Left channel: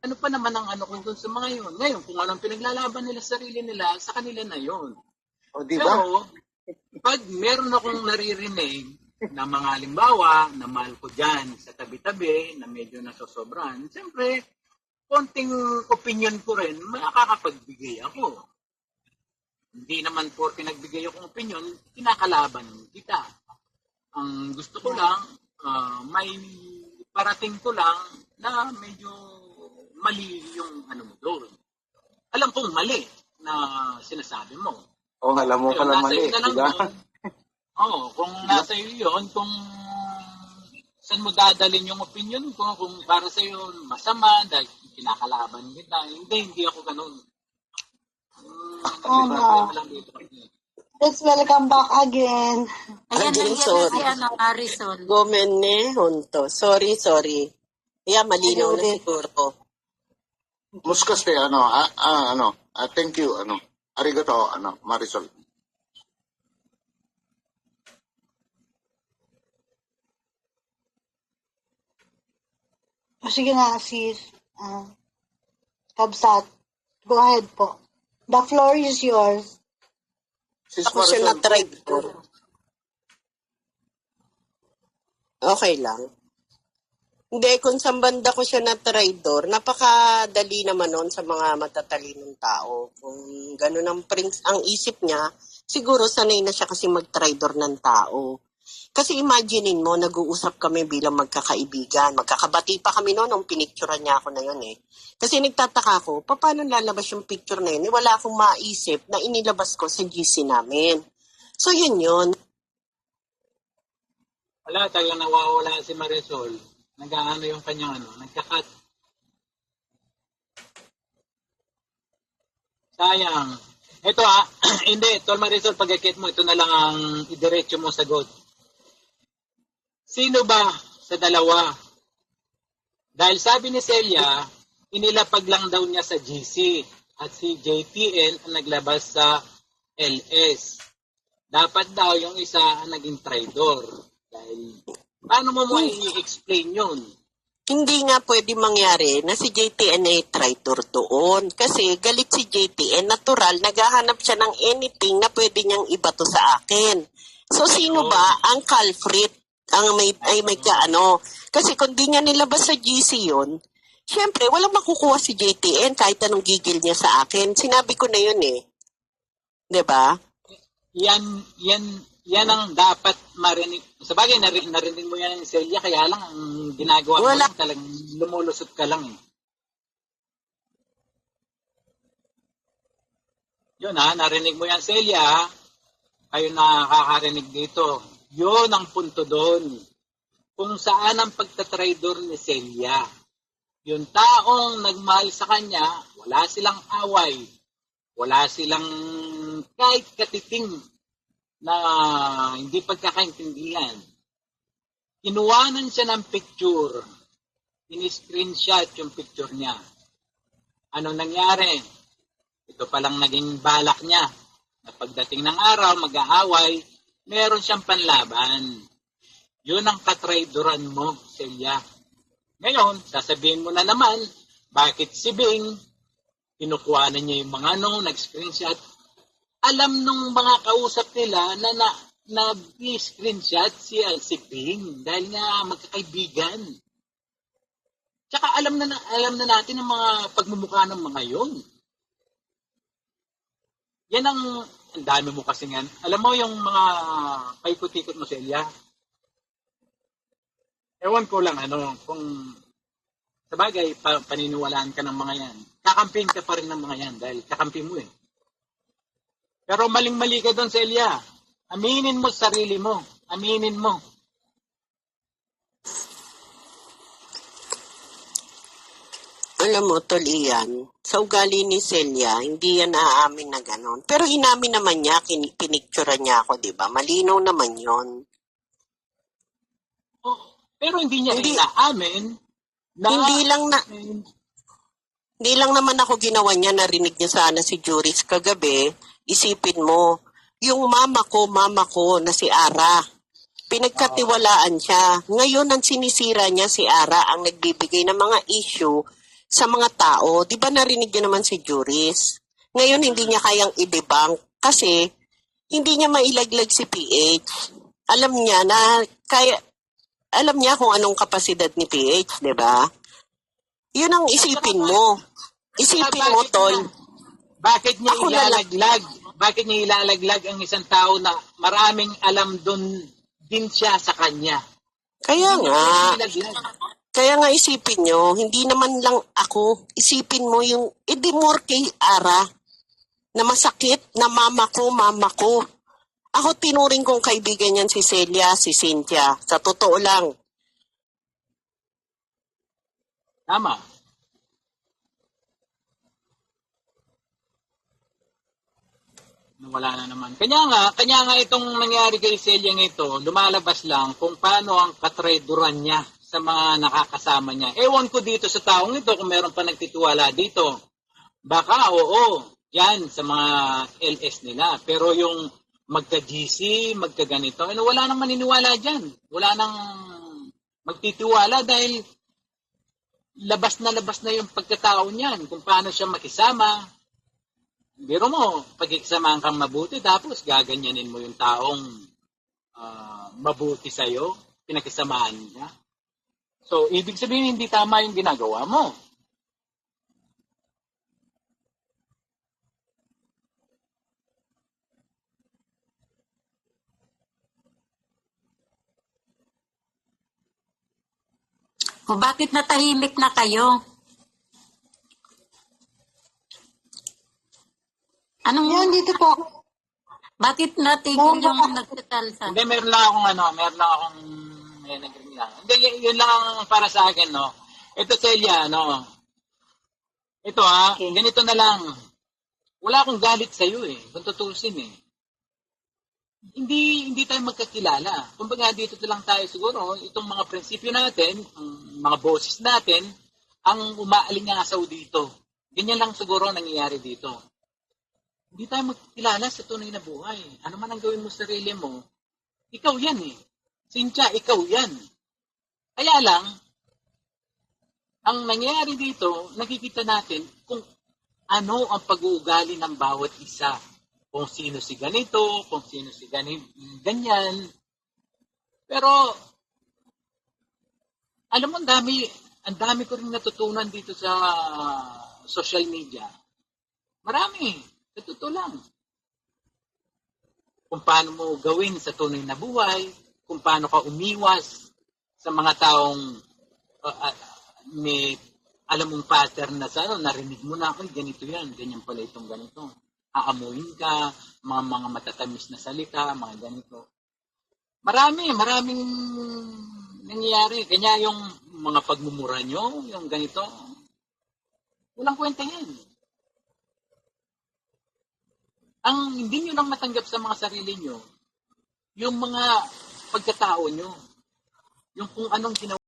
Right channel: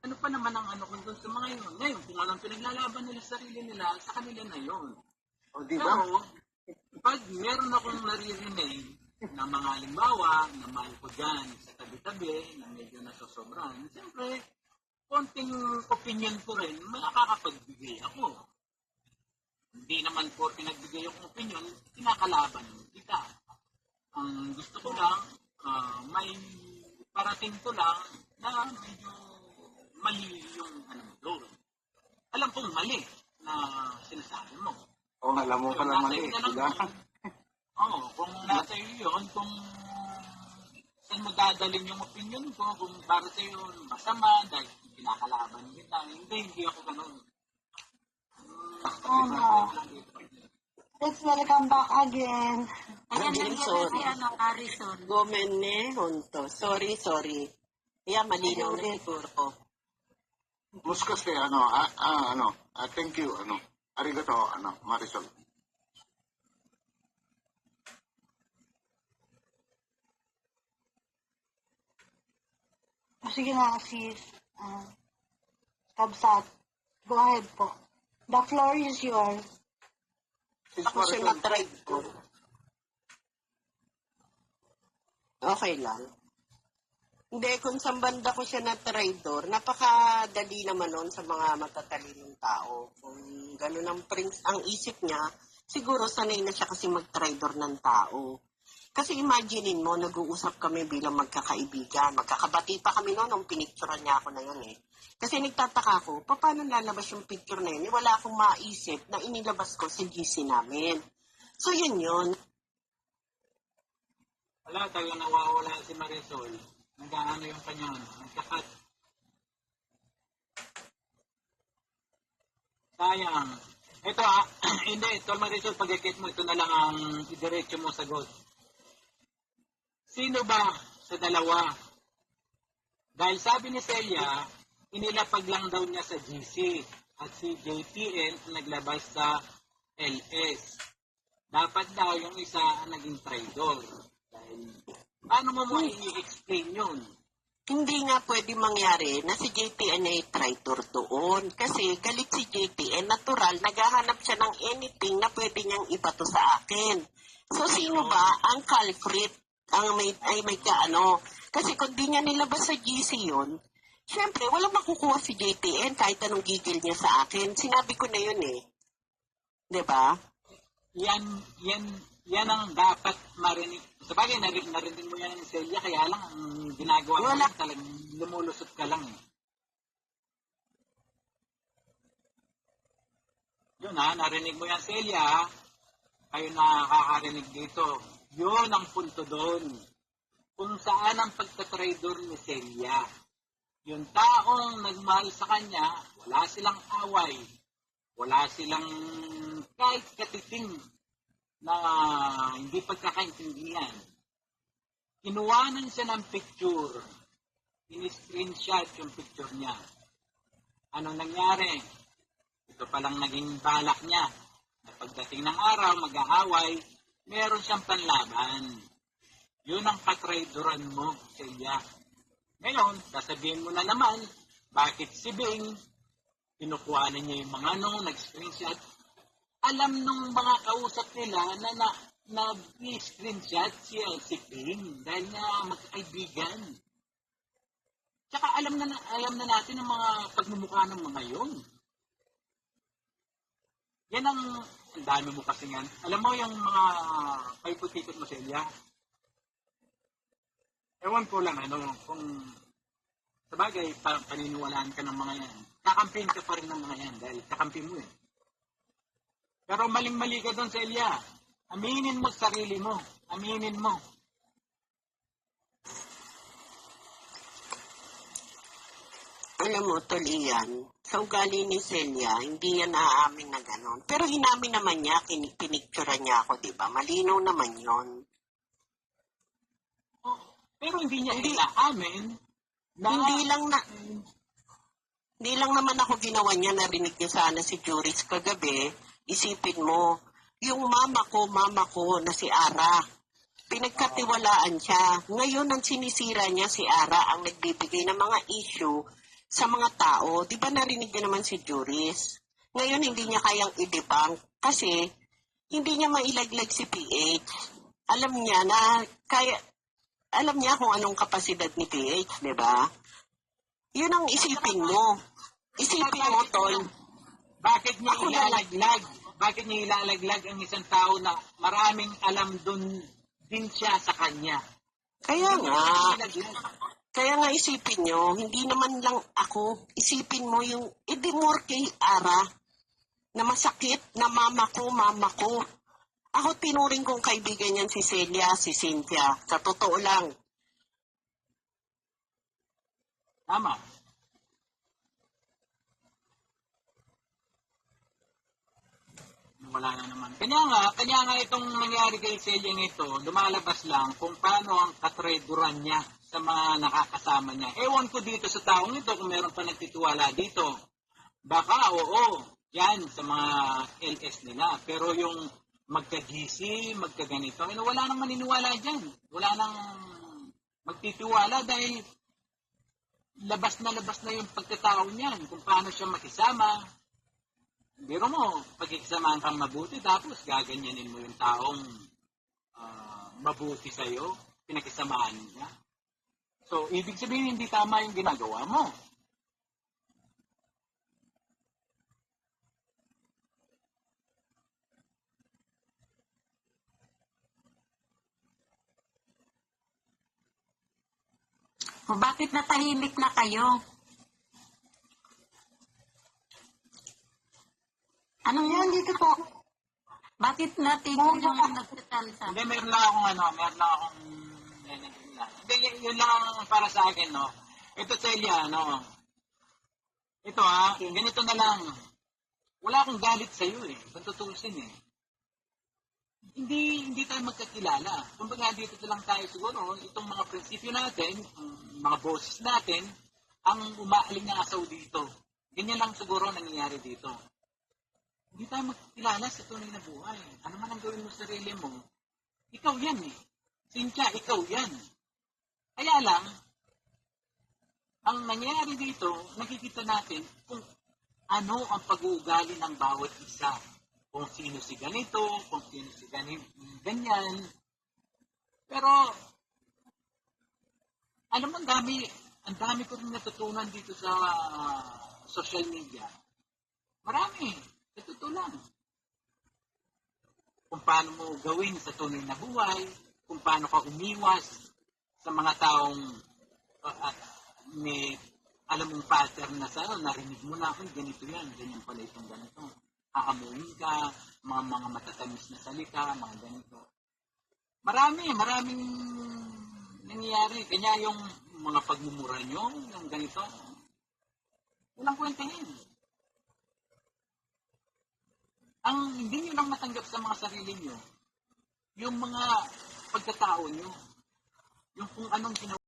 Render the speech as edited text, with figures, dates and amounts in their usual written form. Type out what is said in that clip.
ano pa naman ang ano kung doon sa mga yun. Ngayon, kung anong pinaglalaban nila sa sarili nila, sa kanila na yun. O, di ba? Pero, pag meron akong naririnig na mga halimbawa na mahal ko dyan sa tabi-tabi na medyo nasosobran, siyempre, konting opinion ko rin, makakapagbigay ako. Hindi naman po pinagbigay akong opinion, kinakalaban kita. Ang gusto ko lang, may parating ko lang na medyo mali yung ano mo doon. Alam kong mali na sinasabi mo. O, alam mo pala mali, nasa iyo na lang di ba? yun. Oo, kung nasa iyo yun, kung saan mo dadalhin yung opinion ko, kung para sa iyo masama, dahil kinakalaban kita, hindi ako ganun. Let's welcome back again. Ayan, Again, nandiyan na sorry. si Harrison. Gomenne Honto. Sorry. Kaya malinaw na Ayun, siguro. Muskaste, thank you, arigato, Marisol. O, sige na, sis. Kabsat. Go ahead po. The floor is yours. Sis Ako siya Marisol, na-try ko. Okay lang. Hindi, kung sa banda ko siya na traidor, napakadali naman nun sa mga matatalinong tao. Kung ganun ang isip niya, siguro sanay na siya kasi mag-traidor ng tao. Kasi imaginein mo, nag-uusap kami bilang magkakaibigan. Magkakabati pa kami noon nung pinicturean niya ako na yun eh. Kasi nagtataka ako, paano lalabas yung picture na yun? Wala akong maisip na inilabas ko sa GC namin. So yun. Wala, talagang nawawala si Marisol. Nag-ano yung kanyang nagkakat. Sayang. Ito hindi, Tol Marisol, pag-akit mo, ito na lang ang idiretso mo sagot. Sino ba sa dalawa? Dahil sabi ni Celia, inilapag lang daw niya sa GC at si JTN ang naglabas sa LS. Dapat daw yung isa ang naging traidor. Dahil, paano mo i-explain yun? Hindi nga pwede mangyari na si JTN ay traitor doon. Kasi galit si JTN, natural, naghahanap siya ng anything na pwede niyang ibato sa akin. So, sino ba ang culprit? Kasi kung di niya nilabas sa GC yun, syempre, walang makukuha si JTN kahit anong gigil niya sa akin. Sinabi ko na yun eh. 'Di ba? Yan ang dapat marinig. Sabagay, narinig mo yan ng Celia, kaya lang ang ginagawa mo lang talagang lumulusot ka lang eh. Yun narinig mo yan Celia, kayo nakakarinig dito. Yun ang punto doon. Kung saan ang pagtatraidor ni Celia. Yung taong nagmahal sa kanya, wala silang away. Wala silang kahit katiting na hindi pagkakaintindihan. Kinuwanan siya ng picture. Ini-screenshot yung picture niya. Anong nangyari? Ito palang naging balak niya. Na pagdating ng araw, mag-aaway, meron siyang panlaban. Yun ang katraidoran mo, Celia. Ngayon, sasabihin mo na naman, bakit si Bing, kinukuhanan niya yung mga nag-screenshot. Alam nung mga kausap nila na screenshot si Bing dahil nga magkakaibigan. Tsaka alam na natin ang mga pagmumukha ng mga yun. Yan ang dami mo kasi yan. Alam mo yung mga paikot-ikot mo, Celia. Ewan ko lang kung sabagay paniniwalaan ka ng mga yan. Kakampin ka pa rin ng mga yan dahil kakampi mo eh. Pero maling-mali ka doon, Celia. Aminin mo sarili mo. Aminin mo. Alam mo, Tolian, sa ugali ni Celia, hindi yan naaamin na gano'n. Pero inamin naman niya, pinicturean niya ako, di ba? Malinaw naman yon. Pero hindi niya inaamin na... Hindi lang naman ako ginawa niya, narinig niya sana si Juris kagabi. Isipin mo, yung mama ko na si Ara, pinagkatiwalaan siya. Ngayon, ang sinisira niya si Ara, ang nagbibigay ng mga issue sa mga tao. Di ba narinig niyo naman si Juris? Ngayon, hindi niya kayang i-debunk kasi hindi niya mailaglag si PH. Alam niya na, alam niya kung anong kapasidad ni PH, di ba? Yun ang isipin mo. Isipin mo, Tol. Bakit niya Ako na lang. ilalaglag? Bakit niya ilalaglag ang isang tao na maraming alam doon din siya sa kanya? Kaya Hindi nga. niya ilalaglag. Kaya nga isipin nyo, hindi naman lang ako, isipin mo yung idimor kay Ara na masakit na mama ko. Ako tinuring kong kaibigan yan si Celia, si Cynthia. Sa totoo lang. Tama. Wala na naman. Kanya nga itong nangyari kay Celia ito, lumalabas lang kung paano ang katrayduran niya sa mga nakakasama niya. Ewan ko dito sa taong ito kung meron pa nagtitiwala dito. Baka oo, yan sa mga LS nila. Pero yung magka-GC, magka-ganito, wala nang maniniwala dyan. Wala nang magtitiwala dahil labas na yung pagkatao niyan, kung paano siya makisama. Biro mo, pagkikisamahan kang mabuti, tapos gaganyanin mo yung taong mabuti sa'yo, pinakisamahan niya. So, ibig sabihin, hindi tama yung ginagawa mo. O bakit natahimik na kayo? Yan, dito po ako. Bakit natigil yung nagsasalsa? Hindi, meron lang akong naging lang. Hindi, yun lang ang para sa akin, no. Ito, Celia, no. Ito, ganito na lang. Wala akong galit sa'yo, kung tutusin, Hindi tayo magkakilala. Kumbaga, dito lang tayo siguro, itong mga prinsipyo natin, mga boses natin, ang umaalingasaw dito. Ganyan lang siguro nangyayari dito. Hindi tayo magkilala sa tunay na buhay. Ano man ang gawin mo sa sarili mo, ikaw yan Cynthia, ikaw yan. Kaya lang, ang nangyayari dito, nakikita natin kung ano ang pag-uugali ng bawat isa. Kung sino si ganito, kung sino si ganyan. Pero, alam mo, ang dami ko rin natutunan dito sa social media. Marami. Ito lang. Kung paano mo gawin sa tunay na buhay, kung paano ka umiwas sa mga taong alam mong pattern na narinig mo na, ganito yan, ganyan pala itong ganito. Aamuin ka, mga matatamis na salita, mga ganito. Maraming nangyayari. Kanya yung mga pagmumura nyo, yung ganito, walang kwenta yan. Ang hindi nyo lang matanggap sa mga sarili nyo, yung mga pagkatao nyo, yung kung anong ginawa